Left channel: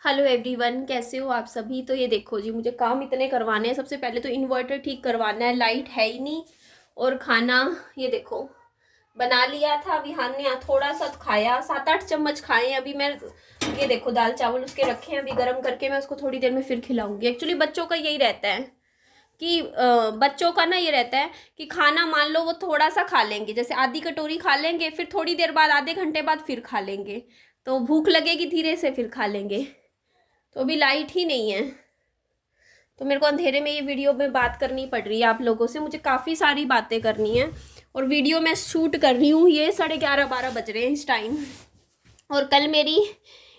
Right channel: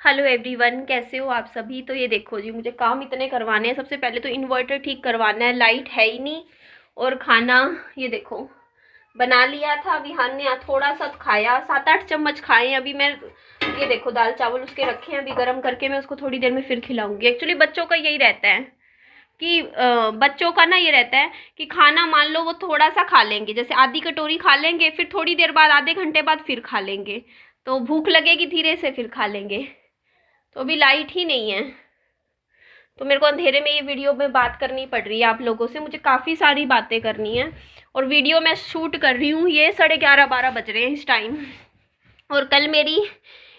Hello everyone, कैसे हो आप सभी। तो ये देखो जी, मुझे काम इतने करवाने हैं। सबसे पहले तो इन्वर्टर ठीक करवाना है, लाइट है ही नहीं। और खाना ये देखो बना लिया था। विहान ने थोड़ा सा खाया, 7-8 चम्मच खाए हैं अभी मैं। ये देखो दाल चावल उसके रखे हैं, अभी गर्म करके मैं उसको थोड़ी देर में फिर खिलाऊंगी। एक्चुअली बच्चों का यही रहता है कि बच्चों का ना ये रहता है कि खाना मान लो वो थोड़ा सा खा लेंगे, जैसे आधी कटोरी खा लेंगे, फिर थोड़ी देर बाद आधे घंटे बाद फिर खा लेंगे। तो भूख लगेगी धीरे से, फिर खा लेंगे। तो अभी लाइट ही नहीं है, तो मेरे को अंधेरे में ये वीडियो में बात करनी पड़ रही है आप लोगों से। मुझे काफ़ी सारी बातें करनी है और वीडियो मैं शूट कर रही हूँ। ये 11:30-12 बज रहे हैं इस टाइम। और कल मेरी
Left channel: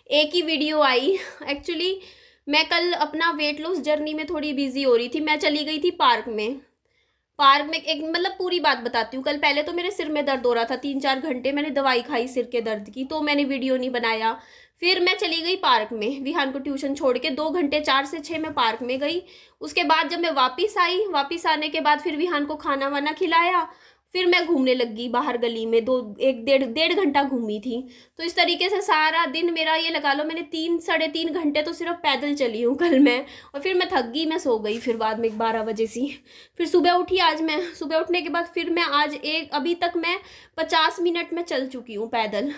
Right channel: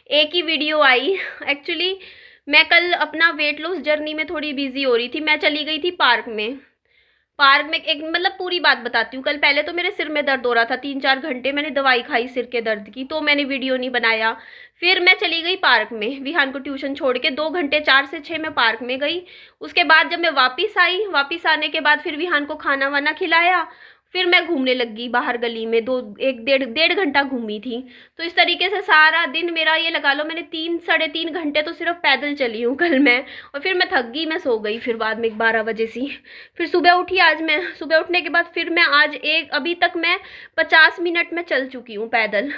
एक ही वीडियो आई। एक्चुअली मैं कल अपना वेट लॉस जर्नी में थोड़ी बिजी हो रही थी। मैं चली गई थी पार्क में एक मतलब पूरी बात बताती हूँ। कल पहले तो मेरे सिर में दर्द हो रहा था, 3-4 घंटे मैंने दवाई खाई सिर के दर्द की, तो मैंने वीडियो नहीं बनाया। फिर मैं चली गई पार्क में, विहान को ट्यूशन छोड़ के 2 घंटे, 4 से 6 मैं पार्क में गई। उसके बाद जब मैं वापस आई, वापस आने के बाद फिर विहान को खाना वाना खिलाया। फिर मैं घूमने लगी बाहर गली में, 1 डेढ़ घंटा घूमी थी। तो इस तरीके से सारा दिन मेरा, ये लगा लो मैंने 3-3.5 घंटे तो सिर्फ पैदल चली हूँ कल मैं। और फिर मैं थक गई, मैं सो गई फिर बाद में 12 बजे सी। फिर सुबह उठी आज मैं, सुबह उठने के बाद फिर मैं आज अभी तक मैं 50 मिनट में चल चुकी हूँ पैदल।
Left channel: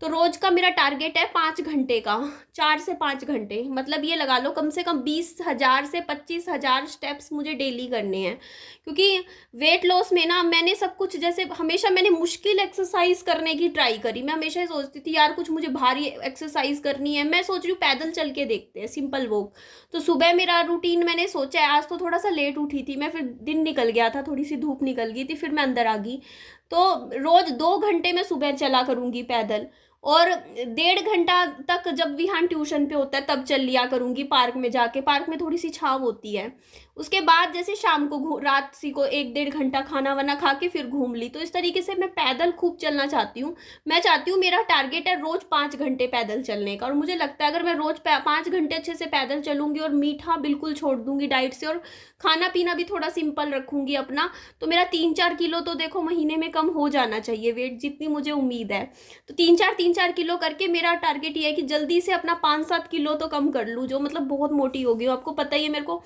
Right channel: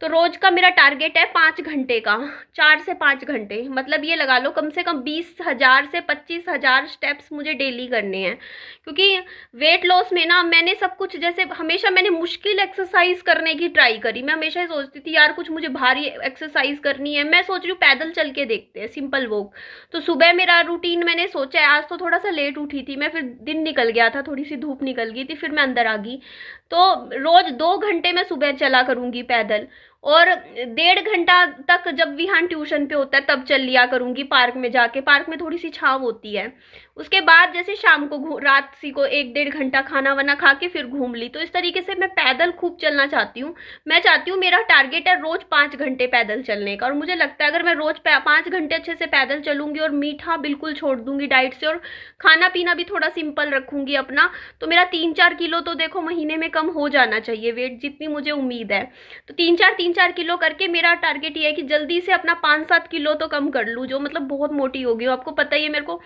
तो रोज का मेरा टारगेट है 5 घंटे का, 4 से 5 घंटे, मतलब ये लगा लो कम से कम 20,000 से 25,000 स्टेप्स मुझे डेली करने हैं। क्योंकि वेट लॉस में ना मैंने सब कुछ, जैसे हमेशा मैंने मुश्किल एक्सरसाइज करने की ट्राई करी। मैं हमेशा ही सोचती थी यार कुछ मुझे भारी एक्सरसाइज करनी है, मैं सोच रही हूँ पैदल चल के देखते हैं, सिंपल वॉक। तो सुबह मेरा रूटीन मैंने सोचा है, आज तो थोड़ा सा लेट उठी थी मैं, फिर दिन निकल गया था, थोड़ी सी धूप निकल गई थी, फिर मैं अंदर आ गई। तो रोज 2 घंटे मैं सुबह चला करूंगी पैदल। और 1.5 घंटा तक जब विहान ट्यूशन पे होता है तब चल लिया करूंगी पार्क में जाके। पार्क में थोड़ी सी छाँव होती है। उसके बाद जैसे शाम को रात सी को 1-1.5 घंटा खाना वाना खा के फिर घूम ली। तो इस तरीके से मैं पैदल खूब चलना चाहती हूँ। मैं चाहती हूँ, मेरा टारगेट है रोज 5 घंटे पैदल चलने का। और मुझे लगता है अगर मैं रोज 5 घंटे अच्छे से पैदल चलूंगी और मीठा बिल्कुल छोड़ दूंगी डाइट से, और खाना पीना भी थोड़ा सिंपल रखूंगी अपना, तो मेरा 3-4 किलो तो देखो महीने में कम हो जाना चाहिए वेट, जितनी मुझे उम्मीद है। तो 3-4 किलो करके मेरा टारगेट ये है कि जल्दी से अपना 5-7 किलो तो कम कर लूँ, जो मतलब बहुत मोटी हो गई हूँ। आपको पता ही है मेरे को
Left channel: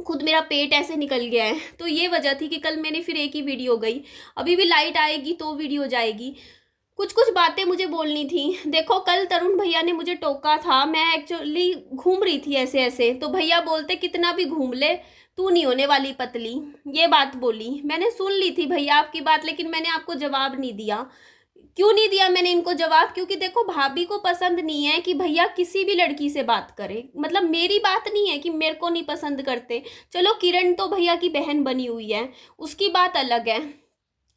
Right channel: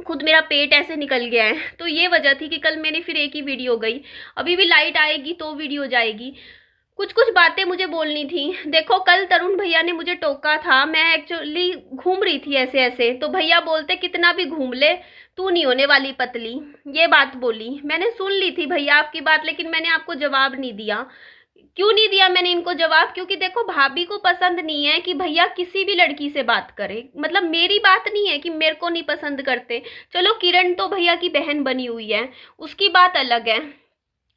खुद मेरा पेट ऐसे निकल गया है। तो ये वजह थी कि कल मैंने फिर एक ही वीडियो गई। अभी भी लाइट आएगी तो वीडियो जाएगी। कुछ कुछ बातें मुझे बोलनी थी। देखो कल तरुण भैया ने मुझे टोका था, मैं एक्चुअली घूम रही थी ऐसे ऐसे, तो भैया बोलते कितना भी घूम ले तू नहीं होने वाली पतली। ये बात बोली, मैंने सुन ली थी भैया आपकी बात, लेकिन मैंने आपको जवाब नहीं दिया। क्यों नहीं दिया मैंने इनको जवाब? क्योंकि देखो भाभी को पसंद नहीं है कि भैया किसी भी लड़की से बात करे। मतलब मेरी बात नहीं है कि मेरे को नहीं पसंद करते, चलो किरण तो भैया की बहन बनी हुई है, उसकी बात अलग है।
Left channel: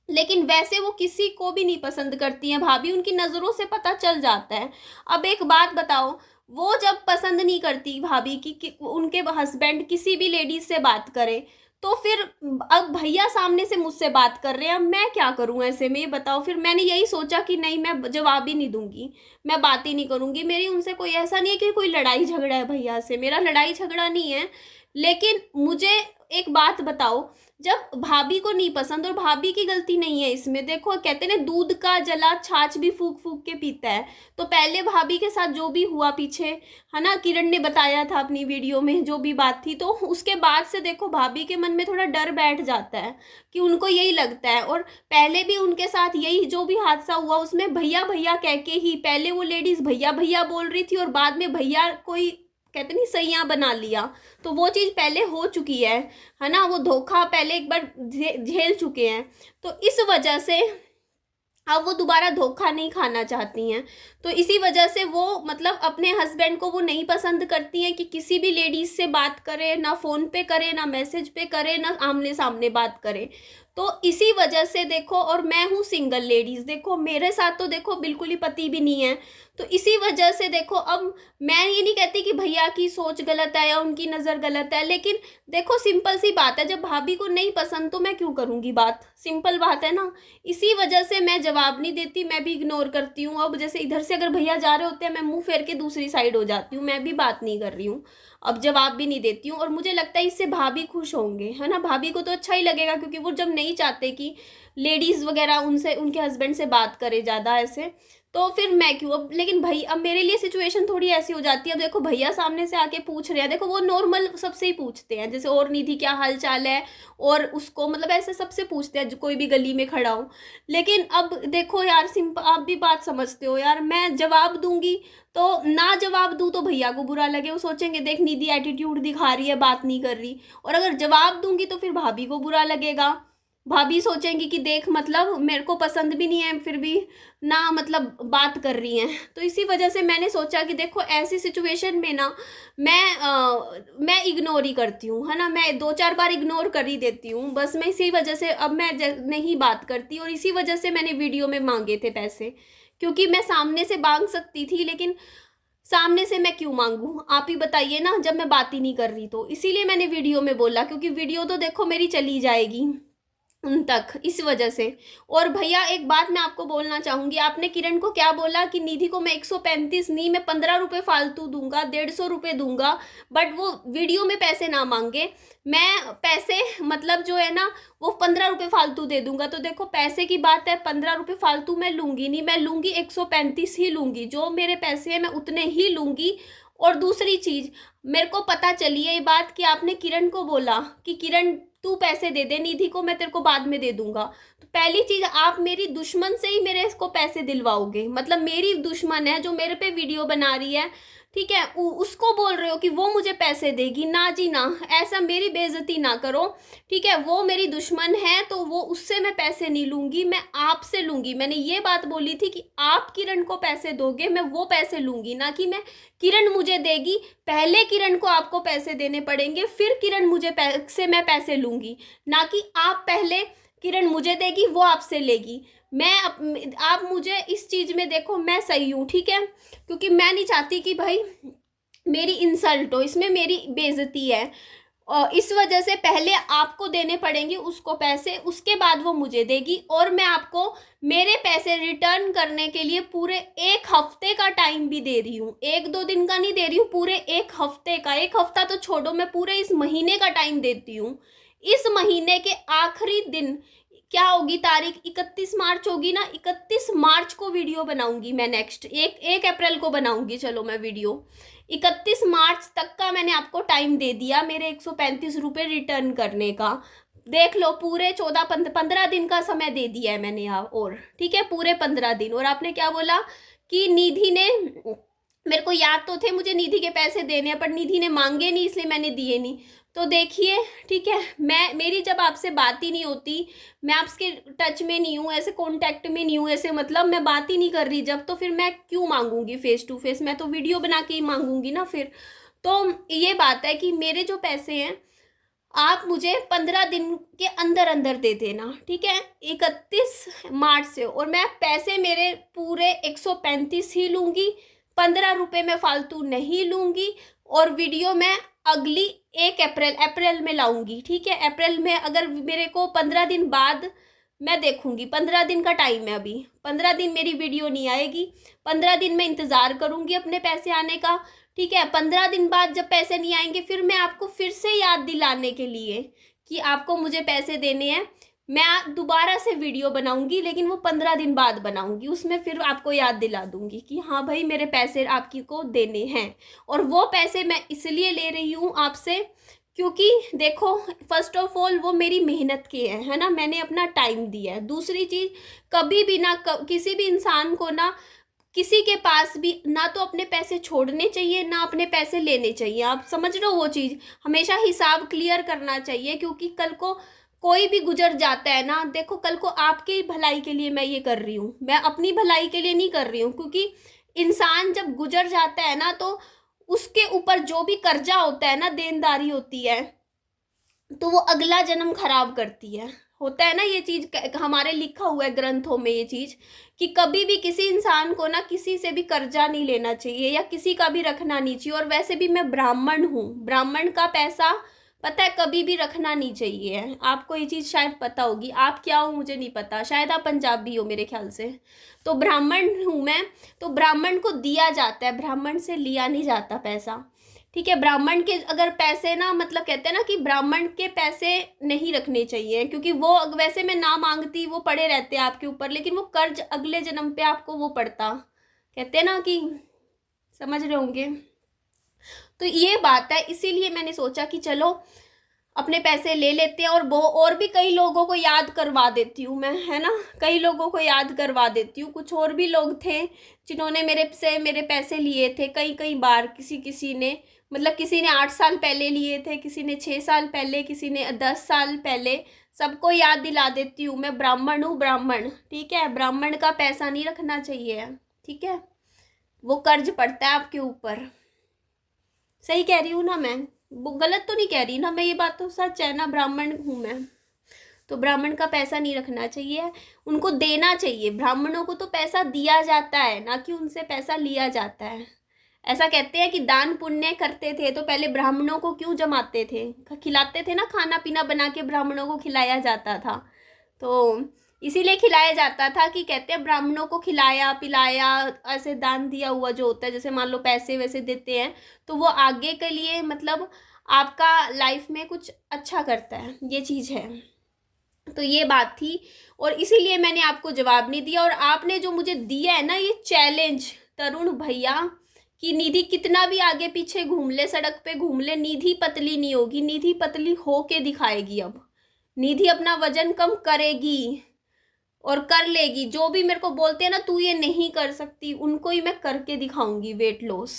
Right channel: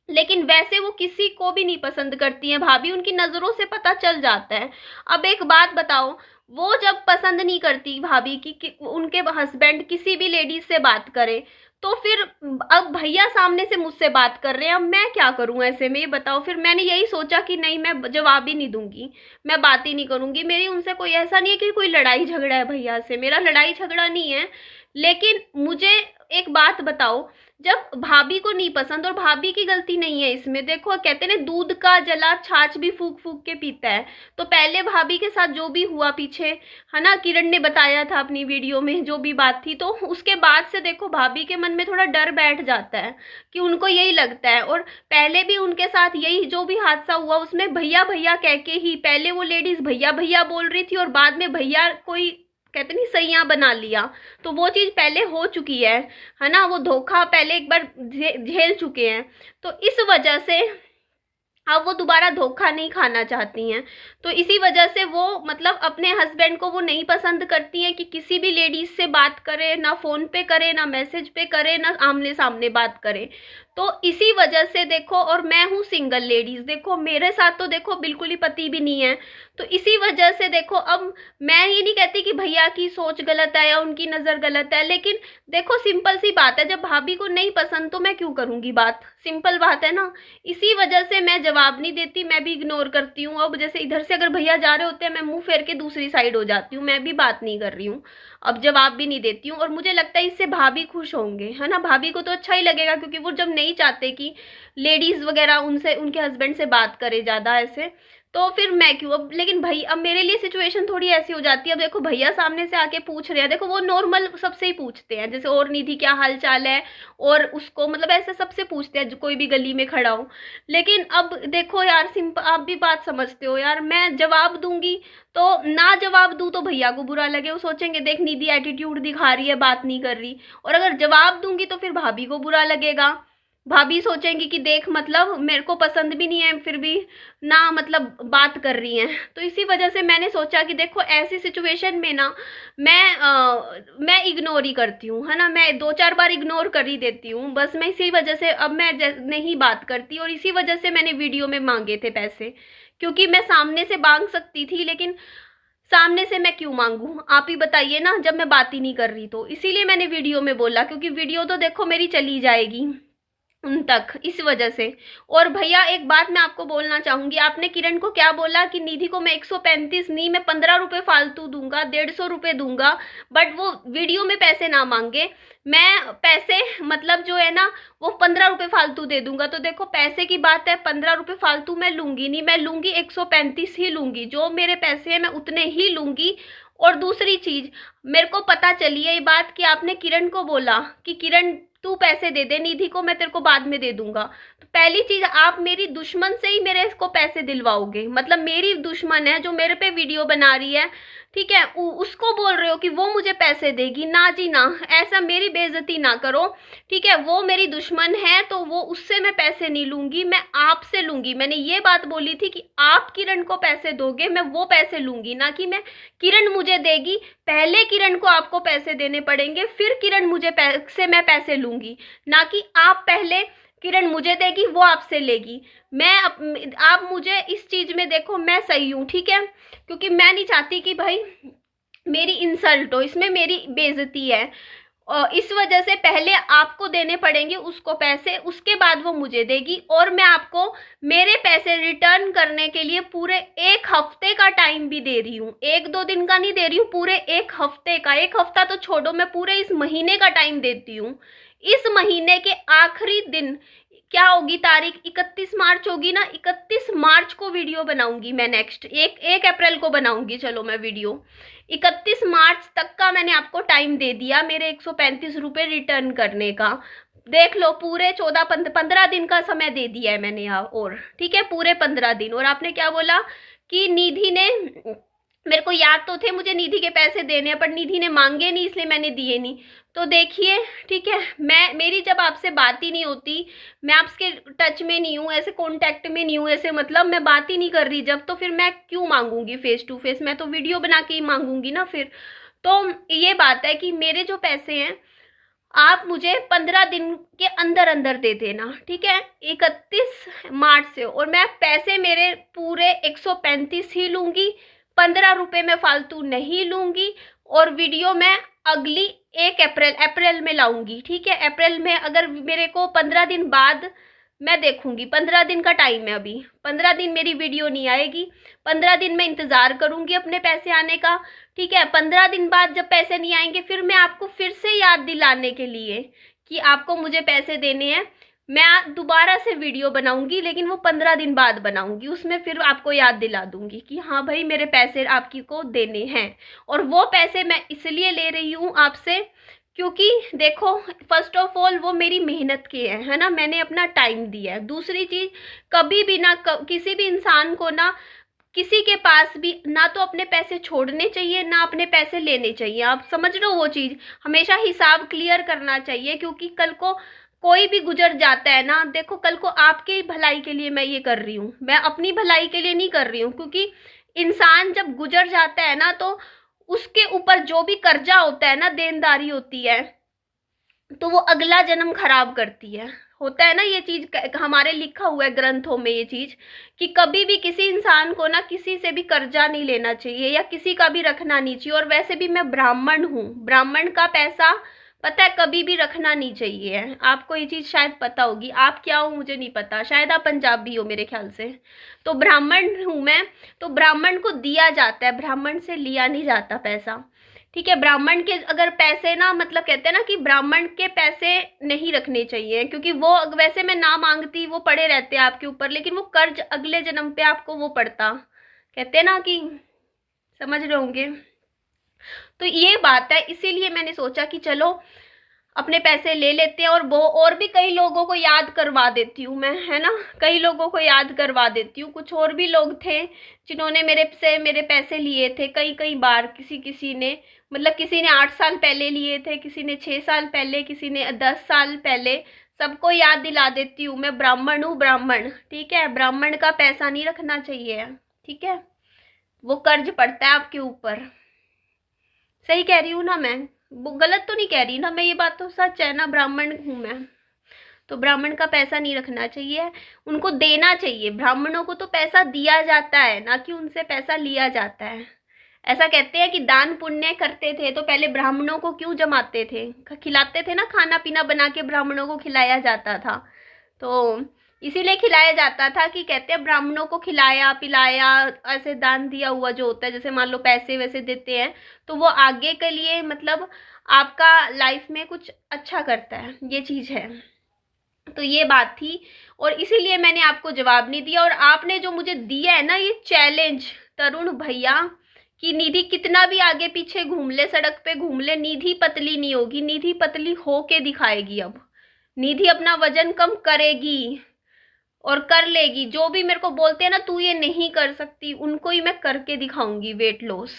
लेकिन वैसे वो किसी को भी नहीं पसंद करती हैं भाभी, उनकी नज़रों से पता चल जाता है। अब एक बात बताओ, वो जब पसंद नहीं करती भाभी कि उनके हस्बैंड किसी भी लेडीज से बात करे, तो फिर अब भैया सामने से मुझसे बात कर रहे हैं, अब मैं क्या करूं ऐसे में, ये बताओ। फिर मैंने यही सोचा कि नहीं, मैं जवाब ही नहीं दूंगी, मैं बात ही नहीं करूंगी। मेरी उनसे कोई ऐसा नहीं है कि कोई लड़ाई झगड़ा है भैया से, मेरा लड़ाई झगड़ा नहीं है। लेकिन मुझे एक बात बताओ, जब भाभी को नहीं पसंद, और भाभी की गलती नहीं है इसमें, देखो कहते हैं दूध का जला छाछ भी फूक फूक के पीता है। तो पहले भाभी के साथ जो भी हुआ पीछे, है ना, किरण ने बताया था अपनी वीडियो में जो भी बात थी, तो उसके बाद से देखो भाभी के मन में थोड़ा डर बैठ जाता है कि उनको यही लगता है। और पहले भी उनके साथ यही जो भी हादसा हुआ, उसमें भैया भैया कह के ही, पहले वो लेडीज भैया भैया बोल रही थी और बाद में भैया कोई कहते नहीं सैया बना लिया। तो वो चीज़ पहले हो चुकी है ना, वो धोखा पहले एक बार झेल चुके हैं। तो इस वजह से अब वो दोबारा धोखा नहीं खाना चाहती हैं। तो इसी वजह से वो मतलब अपने हस्बैंड को वो नहीं पसंद करती हैं कि किसी भी लेडीज से बात करे, ना फ़ोन पे करे, ना मैसेज पे करे, ना आमने सामने बात करे। तो इसी वजह से देखो, और मैं हूँ सिंगल लेडीज, देखो मेरे साथ तो देखो बिल्कुल ही पति भी नहीं है। तो इसी वजह से देखो, अब मैं ये नहीं कहती कि भैया की सोच गलत है या उनकी नज़र गलत है, लेकिन देखो सिंपल सी बात है, जब भाभी को नहीं पसंद तो मैं क्यों करूँगी बात, सिंपल बात है ना। इसी वजह से मैं जवाब नहीं देती, मैं भी इग्नोर करती हूँ। अब जैसे इधर से अगर भैया जा रहे होते हैं, मैं मुंह फेर के दूसरी साइड हो जाती हूँ, मैं भी बात नहीं कर रही हूँ, अब जवाब भी नहीं देती हूँ। और मुझे लगता है इससे भाभी खुश होंगे, है ना, भाभी को तो अच्छा ही लगेगा, क्योंकि वो जब नहीं चाहते कि लेडीज़ वगैरह उनसे, उनके हस्बैंड से बात करे ज़्यादा ऐसे, तो फिर मैं क्यों अब, लेकिन भाई अब मेरे लिए सिचुएशन थोड़ी ऐसी हो जाती है। अब देखो भैया सामने से आके पूछ रहे हैं, देखो वो नॉर्मल सबसे ही पूछते हैं, जैसे और निधि क्या हाल चाल है, और उसको मतलब ऐसे सबसे पूछते हैं जो कोई भी गली में खड़ा हो। लेकिन अब देखो यार, सिंपल आप भी बात समझते हो यार, मैं जवाब दूंगी तो ना जवाब दूं तो भैया को बुरा लगे, वो सोचेंगे देख निधि एटीट्यूड दिखा रही है, बात नहीं कर रही। और अगर जवाब दूंगी तो फिर भाभी को बुरा लगेगा, भाभी सोचेंगी कि देख मतलब मेरे को पसंद भी नहीं है फिर भी ना मतलब बात कर रही हैं। तो इसी वजह से मैंने सोचा कि देखो ऐसी सिचुएशन में ना मैं इग्नोर ही करती हूँ, है ना, मैं 2-4 बार इग्नोर कर ही देती हूँ बस। मैं इसी वजह से अब मैं नहीं बात करती, और इसी वजह से मैंने वीडियो में मांगे थे पैसे, क्योंकि मैं सामने से मांग सकती थी, लेकिन सामने से मैं क्यों मांगू, आप ही बताइए ना, जब मैं बात ही नहीं कर रही। तो इसीलिए मैंने वीडियो में बोला, क्योंकि वीडियो तो देखो मेरी चली जाएगी उन तक, इस वजह से। और भैया एक बात मैं आपको बोलना चाहूंगी, आपने किरण को क्या बोला कि निधि को मैं 135 नहीं, मैं 15 रुपए फालतू दूंगा, 150 रुपये दूंगा, बट वो वीडियो में पैसे ना मांगे। मैं पैसे मतलब जो है ना वो 15 रुपये फालतू दे दूंगा। तो देखो पैसे की बात है, 15 रुपये फालतू मैं लूंगी नहीं, मैं लूंगी 135 ही लूंगी, जो मेरे पैसे हैं मैं उतने ही लूंगी। और दूसरी चीज, मेरे को पता चली है ये बात कि आपने किरण को बोला कि किरण तू पैसे दे दे निधि को, मैं तेरे को बाद में दे दूंगा। तो पहली चीज, आप मेरी दुश्मन से ही मेरे को पैसे दिलवाओगे, मतलब मेरी दुश्मन है जो मेरे पे वीडियो बना रही है, ठीक है, उसको बोल रहे हो कि वो मुझे पैसे देगी। ना जी ना, ऐसा मेरी बेइज्जती ना करो, ठीक है, वो मेरी दुश्मन है तो वो उससे मैं पैसे नहीं लूंगी, मैं आपसे लूंगी। मैंने ये बात बोली थी कि आप किरण को पैसे दोगे, मैं वो पैसे लूंगी, ना कि मैं किरण मुझे देगी, पहले किरण को आपको पैसे देने पड़ेंगे, फिर किरण मुझे पैसे मैं पैसे लूंगी, ना कि आप पहले किरण मुझे देगी वो आपसे लेगी। आप मुझे इस चीज में देखो, मैं सही हूँ, ठीक है, क्योंकि मैं नहीं चाहती कि भाई मेरी इंसल्ट हो, इसमें मेरी बेइज्जती है। और इस वजह से पहले आपको देने पड़ेंगे उसको पैसे, उसके बाद वो मुझे देगी। और मैं आपको मेरे पैसे रिटर्न करने के लिए पूरे 1 हफ्ते का टाइम भी दे रही हूँ, 1-2 दिन का नहीं दे रही हूँ, पूरे 1 हफ्ते का। 1 हफ्ता तो छोड़ो, मैं पूरे इस महीने का टाइम देती हूँ। इस महीने के आखिरी दिन क्या होगी तारीख, 31 मार्च होगी ना, 31 मार्च को वीडियो बनाऊंगी मैं, नेक्स्ट 1 अप्रैल को बनाऊंगी, चलो मैं वीडियो। 31 मार्च तक का मैंने आपको टाइम दे दिया मेरे 135 रुपये रिटर्न करने का। देख लो, पूरे 15 दिन का समय दे दिया है मैंने यहाँ, और ठीक है पूरे 15 दिन। और आपने क्या बोला कि निधि ने, मेरे को याद तो थे मुझे निधि के पैसे देने हैं, पर निधि ने मांगे नहीं इसलिए मैंने दिए नहीं। तो देखिए, ठीक है, मेरी जब आपसे बात ही नहीं होती, मैं आपके टच में नहीं हूँ, ऐसे कांटेक्ट में नहीं हूँ, ऐसे मतलब मैं बात ही नहीं कर रही जब, तो फिर मैं क्यों मांगूंगी फेस टू फेस, मैं तो वीडियो बना के ही मांगूंगी ना फिर। तो ये बात है कि मेरे जो पैसे हैं आप मुझे 15 दिन के अंदर अंदर दे देना, ठीक है, 31 मार्च से। और मैं पैसे मेरे पूरे 135 ही लूंगी, 15 रुपये में फालतू नहीं लूंगी। और वीडियो मैं अगली 1 अप्रैल में लाऊंगी, ठीक है। अप्रैल में अगर मेरे को 15 दिन बाद, मैं देखूंगी, 15 दिन का टाइम है अभी, 15 दिन मेरी वीडियो नहीं आएगी, 15 दिन मैं इंतजार करूंगी अपने पैसे आने का, ठीक है। 15 दिन बाद जब पैसे नहीं आएंगे, फिर मैं आपको फिर से याद दिलाने के लिए कि आपको मुझे पैसे देने हैं, मैं दोबारा से वीडियो बनाऊंगी, लेकिन वो 15 दिन बाद बनाऊंगी, उसमें फिर आपको याद दिला दूंगी कि हाँ भाई मेरे पैसे आपकी को देने हैं। और वो पैसे मैं इसलिए ले रही हूँ आपसे क्योंकि देखो, फर्स्ट ऑफ ऑल वो मेरी मेहनत के हैं, है ना, मैंने अपना टाइम दिया है। दूसरी चीज, कभी भी ना किसी भी इंसान को ना किसी के पास भी ना तो अपने पैसे छोड़ने चाहिए ना अपने पैसे लेने चाहिए, आप समझ रहे हो वो चीज़, हमेशा हिसाब क्लियर करना चाहिए। क्योंकि कल को कोई भी गुजर जाता है ना, देखो कल को आपकी भलाई के लिए मैं ये कर रही हूँ, मैं अपनी भलाई के लिए नहीं कर रही हूँ। क्योंकि इंसान जब गुजर जाता है ना, तो उसके ऊपर जो भी कर्जा होता है ना, देनदारी होती है, तो वो अगला जन्म खराब करती है, होता है ना ये चीज, हमारे लिखा हुआ है ग्रंथों में ये चीज, कि कभी भी किसी इंसान को ना किसी से भी कर्जा नहीं लेना चाहिए या किसी का भी रखना नहीं चाहिए। और वैसे भी मैं ब्राह्मण हूँ, ब्राह्मण का पैसा पता है कभी भी रखना नहीं चाहिए, आपको ये चीज शायद पता होगी। आप क्या हो मुझे नहीं पता, शायद आप पंजाबी हो मेरे ख्याल से। तो ब्राह्मण हूँ मैं, तो ब्राह्मण को दिया जाता है, ब्राह्मण से लिया नहीं जाता पैसा, ठीक है। ब्राह्मण के अगर पैसे ना, मतलब कहते हैं ना कि ब्राह्मण के पैसे नहीं रखने चाहिए, क्योंकि वो वैसे मैं ना मांगती वो पड़े रहते हैं आपके ऊपर, लेकिन वो कर्ज अगले जन्म पे आपको वो पड़ता, कहते हैं ना कि, समझ रहे होंगे। तो ये बात है, इसीलिए मैंने सोचा कि चलो अपने पैसे ले लेते हैं और वो और भी कई लोगों को याद करवा देती हूँ मैं, है ना, कई लोगों को याद करवा देती हूँ। कुछ और भी लोग थे जिन्होंने मेरे पैसे लिए थे कई कई बार, किसी किसी ने, मतलब किसी ने 8 साल पहले लिए थे, किसी ने 6 साल पहले, किसी ने 10 साल पहले। सबको याद दिला देती हूँ, मैं ब्राह्मण हूँ, ब्राह्मण, ठीक है। ब्राह्मण का पैसा नहीं रखना चाहिए, ठीक है, वो कर्ज पड़ता है आपके ऊपर। सही कह रही हूँ ना मैं, वो गलत तो नहीं कह रही ना मैं, ये बात तो सच है ना, ब्राह्मण हूँ मैं। तो ब्राह्मण का पैसा नहीं रखना चाहिए, उनको देना चाहिए। ब्राह्मणों को तो पैसा दिया जाता है, ना कि उनसे पैसा लिया जाता है। ऐसा कहते हैं कि दान पुण्य करते थे तो पहले ब्राह्मणों को क्यों जमाते थे, खिलाते थे ना, खाना पीना बना के ब्राह्मणों को खिलाया जाता था। तो इसीलिए खिलाया जाता था कि कहते हैं ब्राह्मणों को खिलाया पिलाया, ऐसे दान दिया हुआ जो होता है, जैसे मान लो पैसे वैसे देते हैं तो वो आगे के लिए, मतलब आपका लाइफ में कुछ अच्छा करता है, ये चीज़ है। तो ये बात थी, और इसीलिए मैंने आपको जवाब नहीं दिया। और आपने जो मुझे दिया है ना ये चैलेंज, तरुण भैया, कि निधि कितना भी आगे पीछे घूम ले, सड़क पे घूम ले, निधि पतली नहीं होगी, निधि पतली होके दिखाएगी। अब निधि अपना वजन कम करेगी और कर लेगी। जो भी मेरे को बोलते हैं ना तू ये नहीं कर सकती, उनको ही मैं करके दिखाऊंगी वेट लॉस,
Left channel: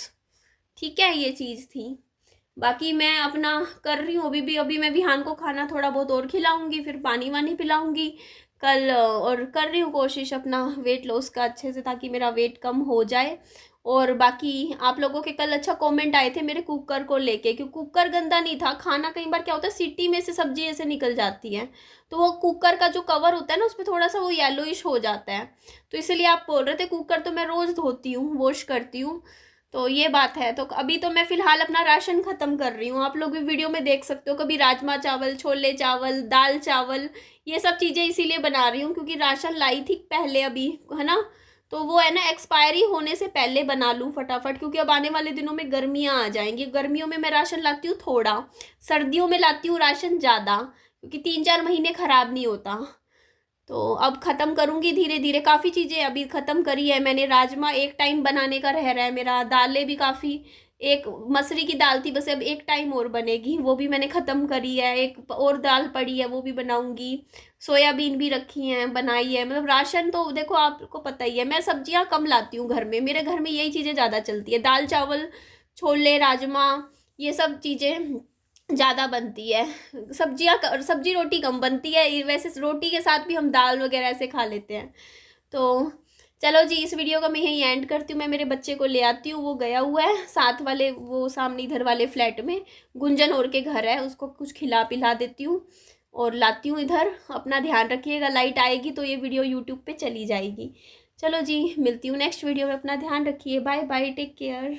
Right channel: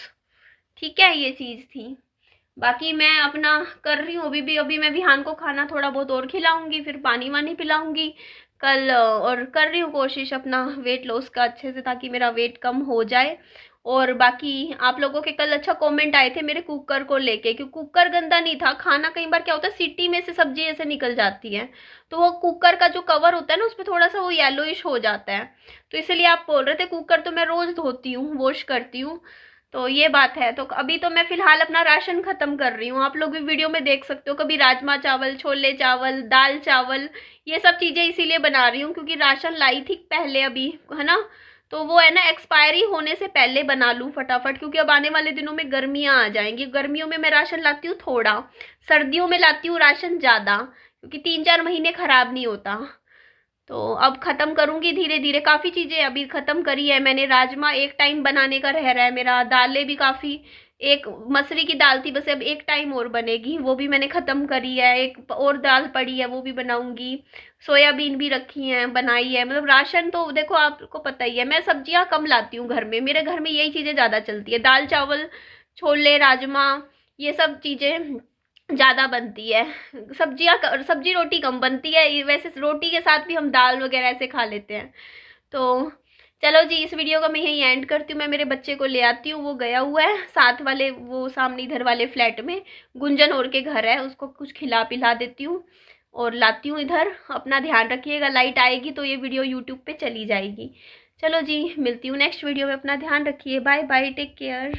ठीक है। ये चीज़ थी। बाकी मैं अपना कर रही हूँ अभी मैं विहान को खाना थोड़ा बहुत और खिलाऊंगी, फिर पानी वानी पिलाऊंगी कल, और कर रही हूँ कोशिश अपना वेट लॉस का अच्छे से, ताकि मेरा वेट कम हो जाए। और बाकी आप लोगों के कल अच्छा कमेंट आए थे मेरे कुकर को लेके, क्योंकि कुकर गंदा नहीं था। खाना कई बार क्या होता है, सीटी में से सब्जी ऐसे निकल जाती है, तो वो कुकर का जो कवर होता है ना, उस पर थोड़ा सा वो येलोइश हो जाता है। तो इसलिए आप बोल रहे थे, कुकर तो मैं रोज़ धोती हूँ, वॉश करती हूँ। तो ये बात है। तो अभी तो मैं फ़िलहाल अपना राशन ख़त्म कर रही हूँ। आप लोग भी वीडियो में देख सकते हो, कभी राजमा चावल, छोले चावल, दाल चावल, ये सब चीज़ें इसीलिए बना रही हूँ क्योंकि राशन लाई थी पहले अभी, है ना। तो वो है ना, एक्सपायरी होने से पहले बना लूँ फटाफट, क्योंकि अब आने वाले दिनों में गर्मियाँ आ जाएंगी। गर्मियों में मैं राशन लाती हूँ थोड़ा, सर्दियों में लाती हूँ राशन ज़्यादा, क्योंकि 3-4 महीने ख़राब नहीं होता। तो अब ख़त्म करूँगी धीरे धीरे। काफ़ी चीज़ें अभी ख़त्म करी है मैंने। राजमा एक टाइम बनाने का रह रहा है मेरा, दालें भी काफ़ी, एक मसूरी की दाल थी बस, अब एक टाइम और बनेगी, वो भी मैंने ख़त्म करी है। एक और दाल पड़ी है, वो भी बनाऊँगी। सोयाबीन भी रखी हैं, बनाई है। मतलब राशन तो देखो आपको पता ही है, मैं सब्जियाँ कम लाती हूँ घर में, मेरे घर में यही चीज़ें ज़्यादा चलती है, दाल चावल, छोले, राजमा, ये सब चीज़ें ज़्यादा बनती है। सब्जी रोटी कम बनती है, वैसे रोटी के साथ भी हम दाल वगैरह ऐसे खा लेते हैं। तो चलो जी, इस वीडियो को मैं यहीं एंड करती हूँ। मैं मेरे बच्चे को ले आती हूँ, वो गया हुआ है साथ वाले, वो सामने इधर वाले फ्लैट में गुंजन और के घर है, उसको कुछ खिला पिला देती हूँ और लाती हूँ इधर। अपना ध्यान रखिएगा, लाइट आएगी तो ये वीडियो यूट्यूब पे चली जाएगी। चलो जी, मिलती हूँ नेक्स्ट वीडियो में, अपना ध्यान रखिए, बाय बाय, टेक केयर।